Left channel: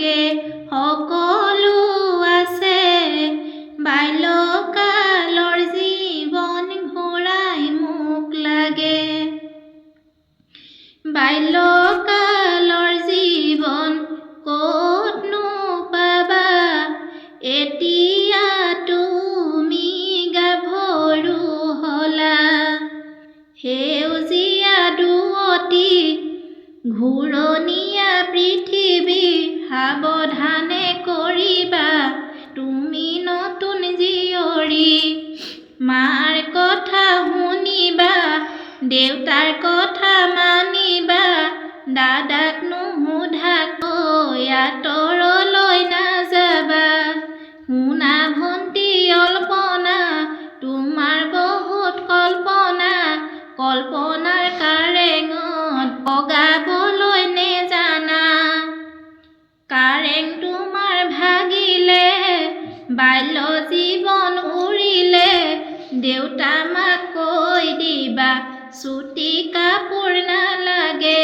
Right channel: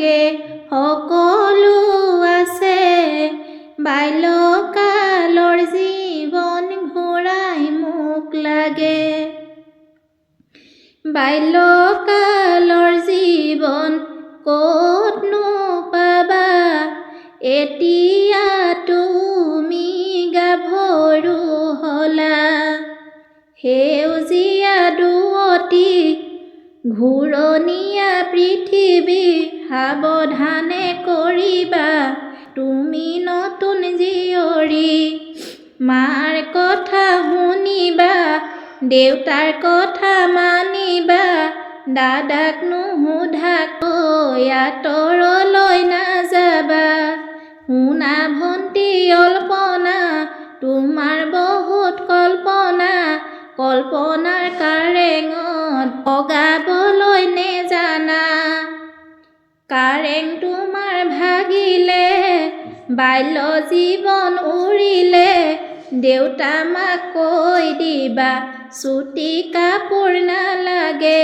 লাগে সকলো আছে বাল্যকালৰ জীৱন ঘূৰাই মোক লাগে বাল্যকালৰ জীৱন ক'তনো পাবা এতিয়া তুমি গাভৰু হলা সেউজীয়া দুৱতি ঘূৰণীয়া পৃথিৱী সাৱধানে কৰিবা তুমি নতুন জীয়ৰী মাৰ কথা শুনিবা দেউতাৰ কথা মানিবা দাদাক নুসুধাকৈ আঁতৰলৈ নাযাবা শুনা ভণ্টি অল্পনা তোমাৰ বহুত কল্পনাৰ কাৰেঙত বগাবলৈ নেজানা কাৰেং তোমাৰ ভাগিলে বাল্য জীৱন উৰিলে দেউতা মাক কৈ দিবা চুটি কাপোৰ নালাগে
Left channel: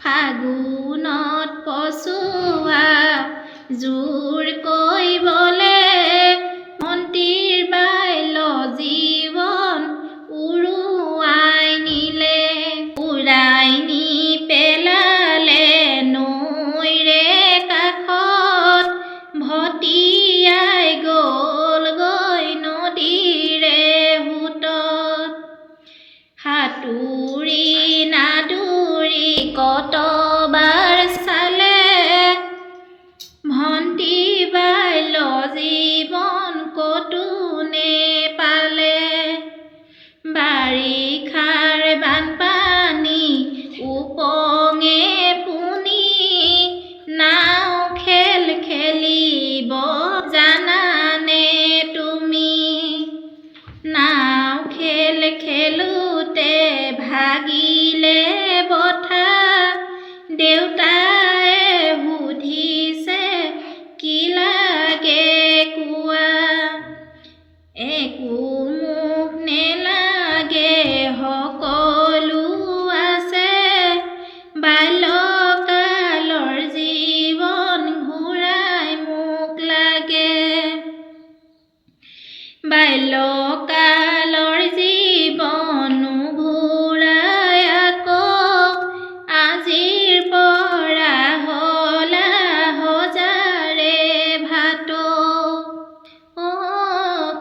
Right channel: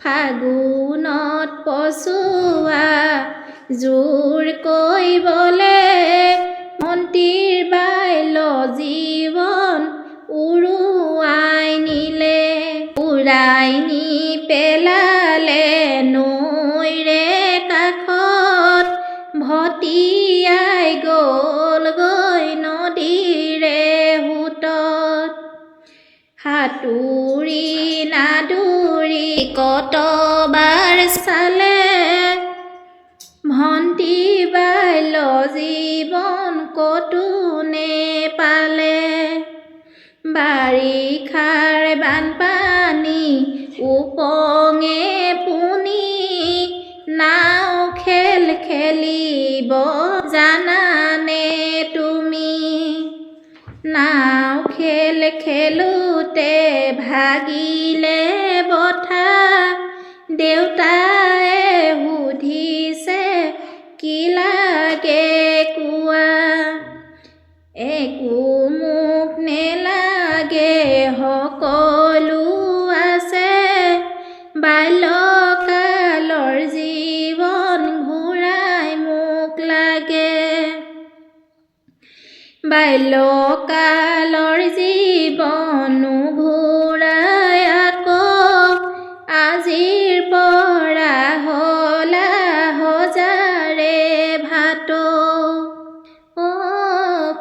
ফাগুনত পচোৱা জোৰ কৰিবলে মন্ত্ৰীৰ বাল্য জীৱন উৰুৱাই নি পেলালে নৈৰে কাষত ভটিয়াই গ'লগৈ নদীৰে সোঁতত সাঁতুৰি নাদুৰি কতবাৰ চালে ভণ্টি বাল্য জীৱন ক'তো নেপালে বাৰিষাৰ বানপানী উপঙে পুনি নাও খেলিব জানানে তুমি নাও খেলোতে ভাগিলে বঠা দেউতাই সুধিছে কি লাগে কোৱা একো মোক নেলাগে সকলো আছে বাল্যকালৰ জীৱন ঘূৰাই মোক লাগে বাল্যকালৰ জীৱন ঘূৰাই আকৌ আজিৰ পৰা হ'লা হজাৰে ভাত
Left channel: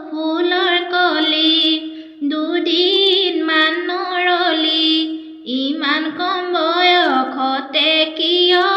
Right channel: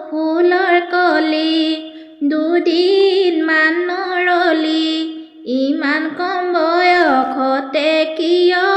ফুলৰ কলি দুদিনমান নৰলি ইমান কম বয়সতে কিয়